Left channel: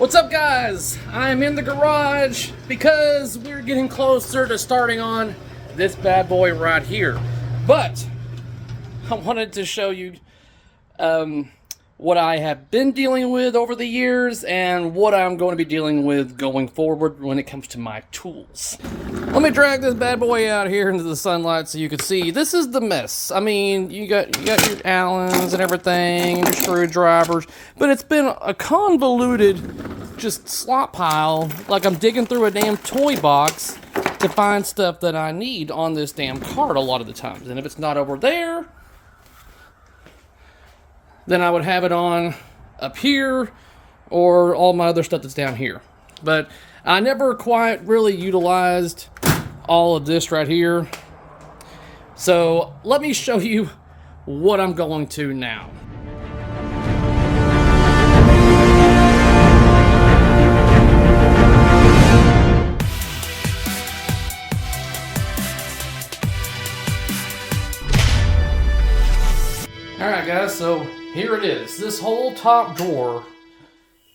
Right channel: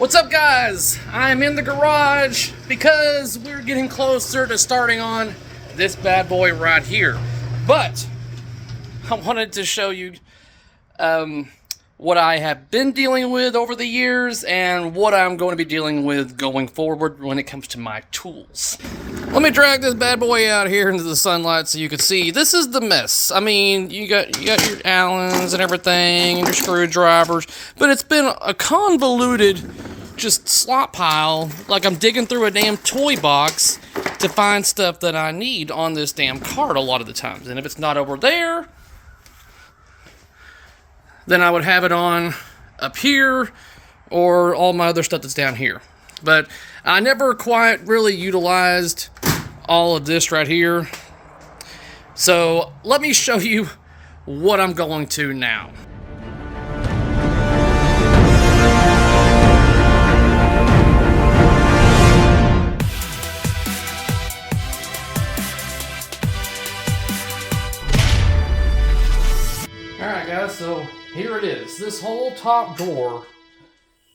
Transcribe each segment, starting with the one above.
What's up, guys? I'm in the garage because we're getting closer to starting on this bad boy right here. But I wanted to show you what I have been dealing with over the years and what I'm going to be dealing with going forward when it comes to my tools. Let me drag this bad boy out here into the sunlight so you can see. This is the mess. I mean, you got your Allens and everything and your screwdrivers, but it's been a convoluted just slop pile, like I'm digging through a damn toy box to find stuff that I need on this damn cart a lot of the times. And if it's not over there, then I would have it on up here or all my other stuff that's down here. But I never quite really utilized all of this right here. So let me show you what I'm going to now. Alright guys, so here it is. This whole top drawer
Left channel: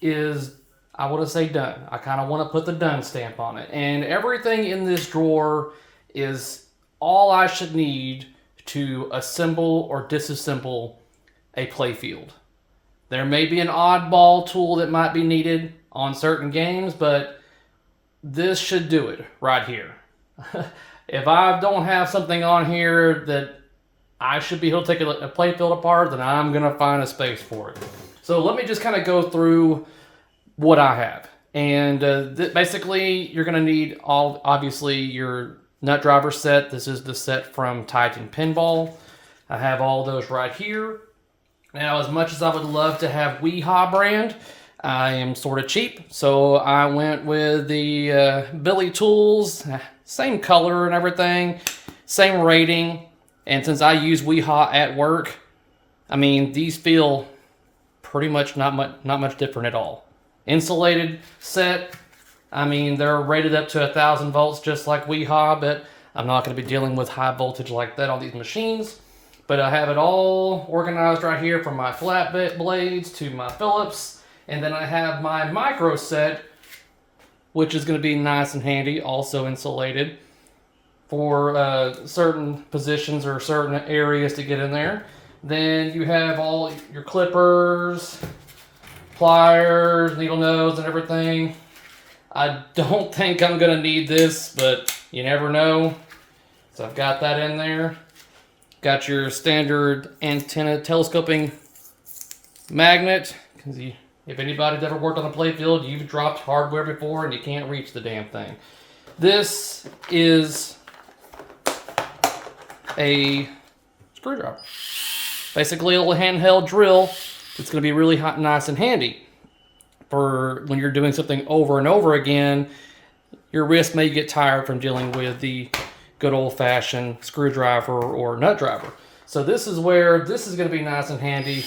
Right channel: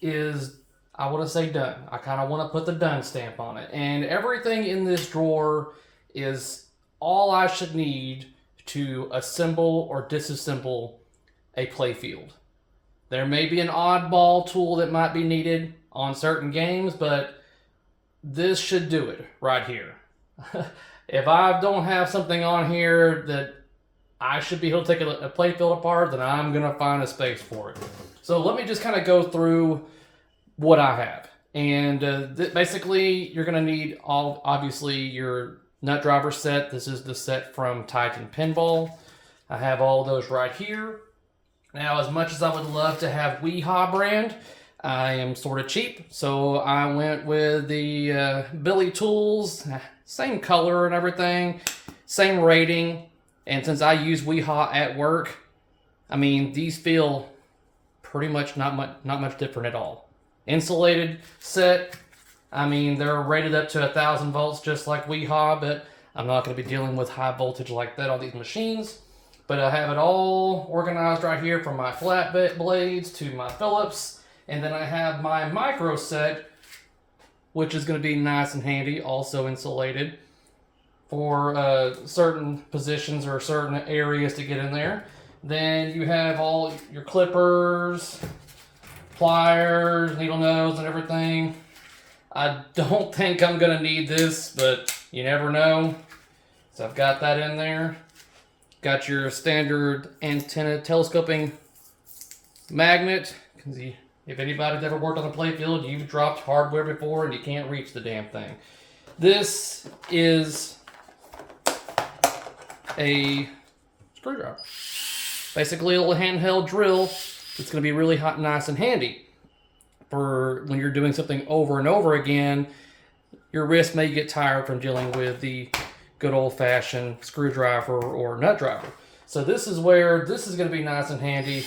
is, I want to say, done. I kind of want to put the done stamp on it. And everything in this drawer is all I should need to assemble or disassemble a playfield. There may be an oddball tool that might be needed on certain games, but this should do it right here. If I don't have something on here that I should be able to take a playfield apart, then I'm going to find a space for it. So let me just kind of go through what I have. And basically, you're going to need obviously your nut driver set. This is the set from Titan Pinball. I have all those right here. Now, as much as I would love to have Weehaw brand, I am sort of cheap. So I went with the Billy Tools, same color and everything, same rating. And since I use Weehaw at work, I mean, these feel pretty much not much different at all. Insulated set, I mean, they're rated up to 1,000 volts just like Weehaw, but I'm not going to be dealing with high voltage like that on these machines. But I have it all organized right here from my flat blades to my Phillips. And then I have my micro set, which is going to be nice and handy, also insulated, for certain positions or certain areas to get in there. Then you have all your clippers, pliers, needle nose, and everything. I don't think I'm going to need this, but you never know. So I've got that in there. Got your standard antenna telescoping magnet. Because if anybody's ever worked on a playfield, you've dropped hardware before and you can't reach the damn thing. This is a screwdriver. Basically a little handheld drill. It's going to be really nice and handy for when you're doing something over and over again. Your wrist may get tired from dealing with the good old-fashioned screwdriver or nut driver. So this is where this is going to be nice and handy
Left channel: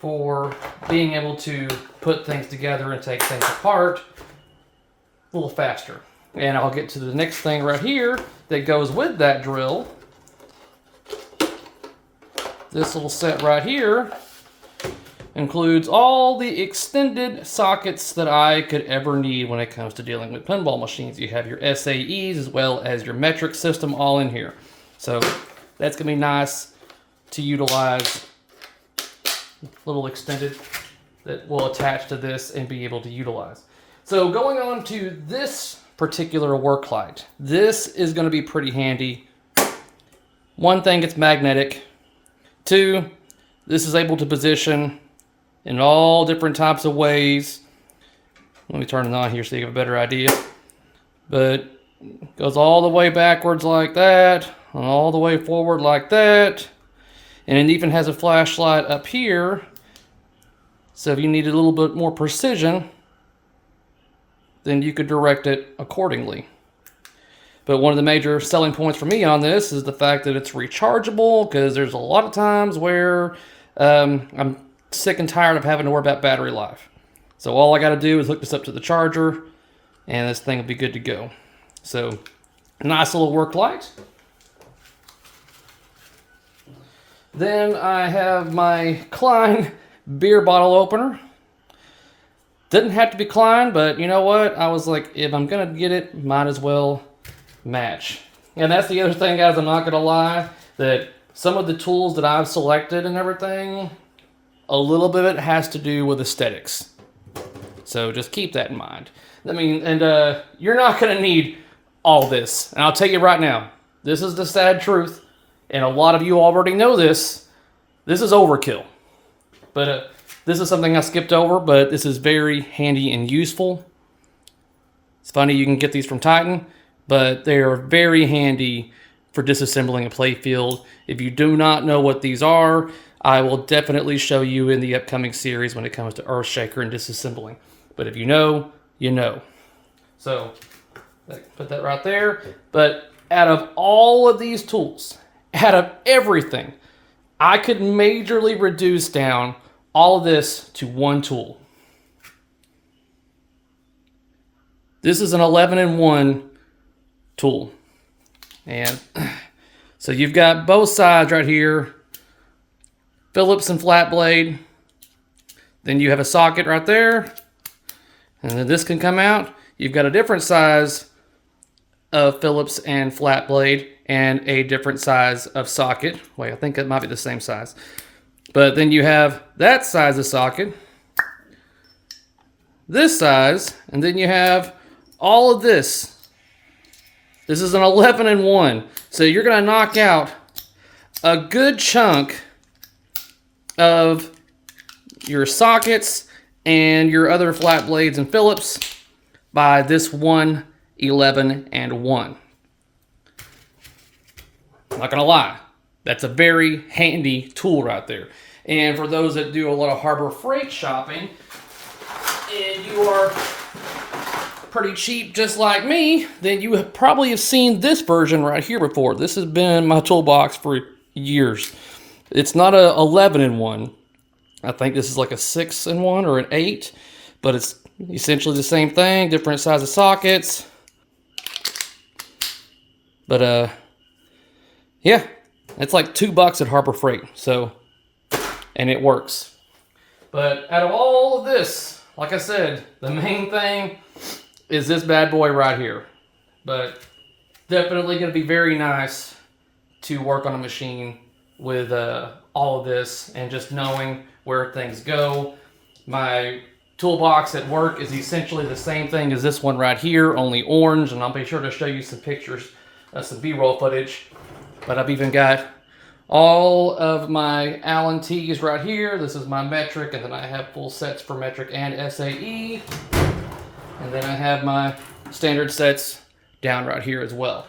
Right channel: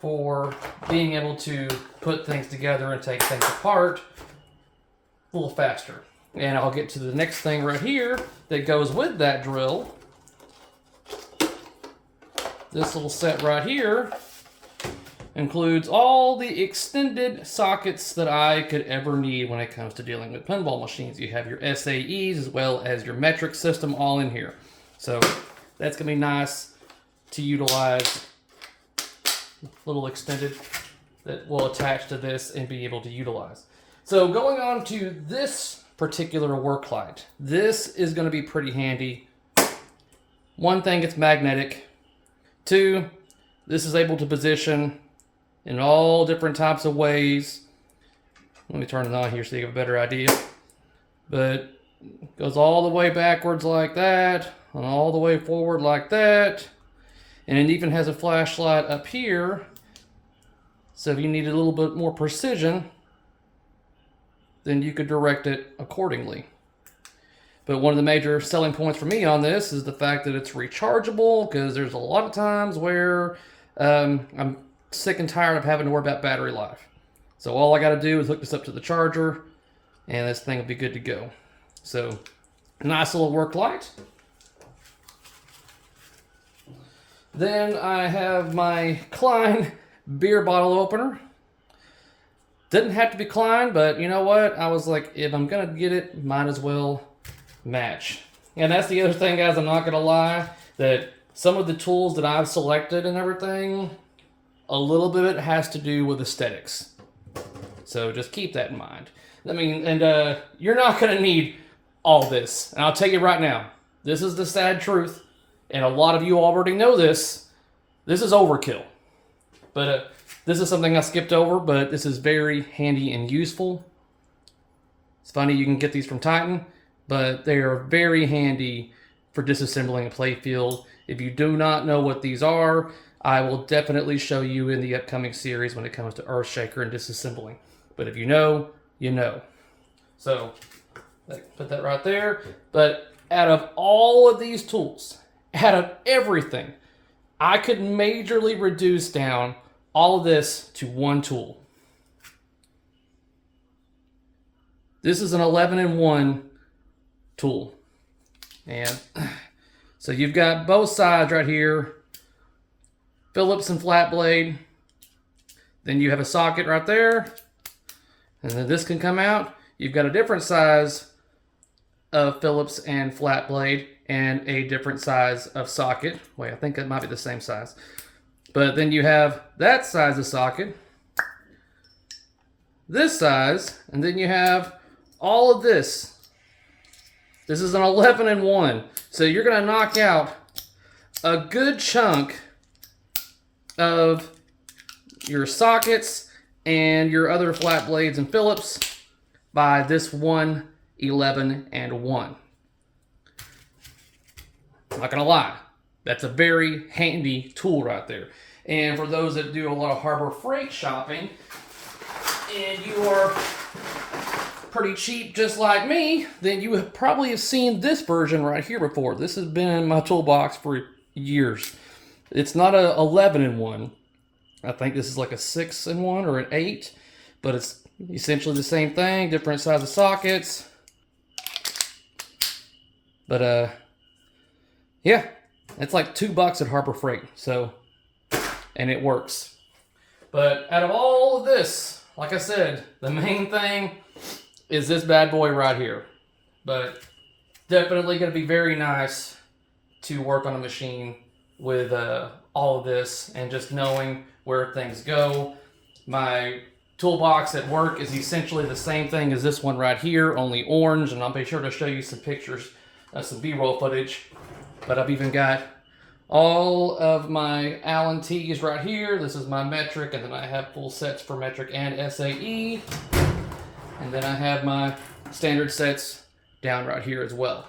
for being able to put things together and take things apart a little faster. And I'll get to the next thing right here that goes with that drill. This little set right here includes all the extended sockets that I could ever need when it comes to dealing with pinball machines. You have your SAEs as well as your metric system all in here. So that's going to be nice to utilize. Little extended that will attach to this and be able to utilize. So going on to this particular work light. This is going to be pretty handy. One thing, it's magnetic. Two, this is able to position in all different types of ways. Let me turn it on here so you have a better idea. But it goes all the way backwards like that, and all the way forward like that. And it even has a flashlight up here. So if you need a little bit more precision, then you could direct it accordingly. But one of the major selling points for me on this is the fact that it's rechargeable, because there's a lot of times where I'm sick and tired of having to worry about battery life. So all I got to do is hook this up to the charger, and this thing will be good to go. So nice little work light. Then I have my Klein beer bottle opener. Didn't have to be Klein, but you know what? I was like, if I'm gonna get it, might as well match. And that's the other thing, guys, I'm not gonna lie, that some of the tools that I've selected and everything, a little bit of it has to do with aesthetics. So just keep that in mind. I mean, and you're not gonna need all this. And I'll tell you right now, this is the sad truth, and a lot of you already know this. This is overkill. But this is something I skipped over, but this is very handy and useful. It's funny, you can get these from Titan, but they are very handy for disassembling a playfield. If you do not know what these are, I will definitely show you in the upcoming series when it comes to Earthshaker and disassembling. But if you know, you know. So, put that right there. But out of all of these tools, out of everything, I could majorly reduce down all of this to one tool. This is an 11-in-1 tool. And so you've got both sides right here, Phillips and flat blade. Then you have a socket right there. And then this can come out. You've got a different size of Phillips and flat blade and a different size of socket. Wait, I think it might be the same size. But then you have that size of socket, this size, and then you have all of this. This is an 11-in-1. So you're gonna knock out a good chunk of your sockets and your other flat blades and Phillips by this one 11-in-1. Not gonna lie, that's a very handy tool right there. And for those that do a lot of Harbor Freight shopping, and you are pretty cheap just like me, then you probably have seen this version right here before. This has been in my toolbox for years. It's not a 11-in-1. I think this is like a 6-in-1 or an 8, but it's essentially the same thing, different size of sockets. But yeah, it's like $2 at Harbor Freight. So, and it works. But out of all of this, like I said, the main thing is this bad boy right here. But definitely going to be very nice to work on a machine with all of this and just knowing where things go. My toolbox at work is essentially the same thing as this one right here, only orange, and I'll be sure to show you some pictures, some B-roll footage. But I've even got all of my Allen T's right here. This is my metric, and then I have full sets for metric and SAE. And then I have my standard sets down right here as well.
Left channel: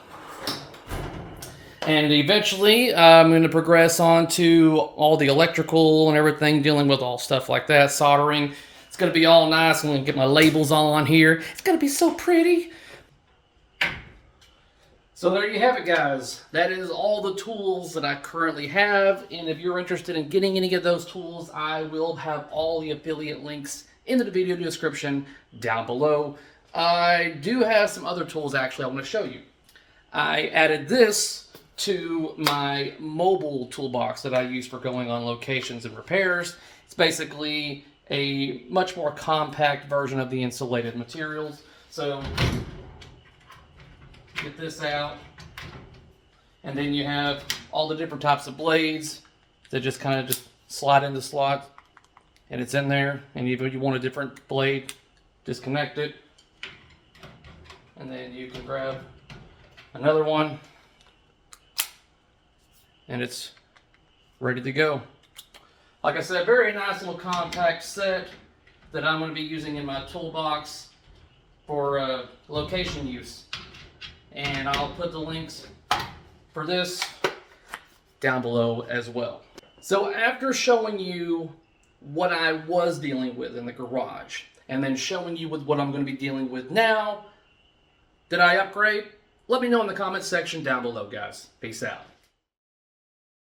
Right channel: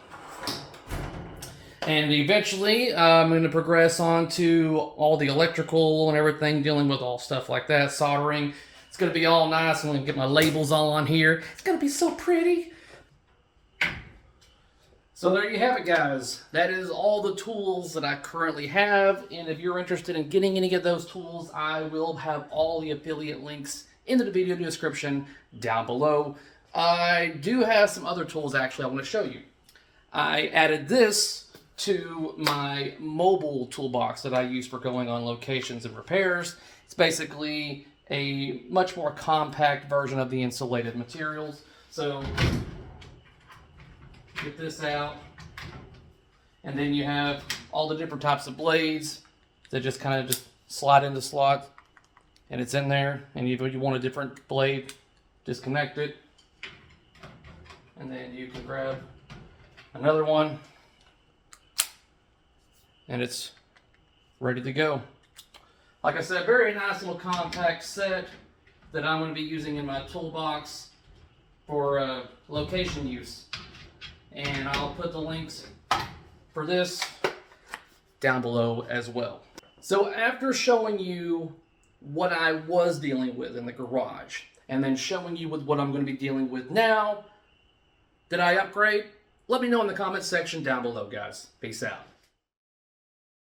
And eventually I'm going to progress on to all the electrical and everything, dealing with all stuff like that, soldering. It's going to be all nice. I'm going to get my labels all on here. It's going to be so pretty. So there you have it, guys. That is all the tools that I currently have. And if you're interested in getting any of those tools, I will have all the affiliate links in the video description down below. I do have some other tools actually I want to show you. I added this to my mobile toolbox that I use for going on locations and repairs. It's basically a much more compact version of the insulated materials. So get this out, and then you have all the different types of blades that just kind of just slide in the slot, and it's in there. And if you want a different blade, disconnect it, and then you can grab another one, and it's ready to go. Like I said, very nice little compact set that I'm going to be using in my toolbox for location use. And I'll put the links for this down below as well. So after showing you what I was dealing with in the garage, and then showing you with what I'm going to be dealing with now, did I upgrade? Let me know in the comments section down below, guys. Peace out.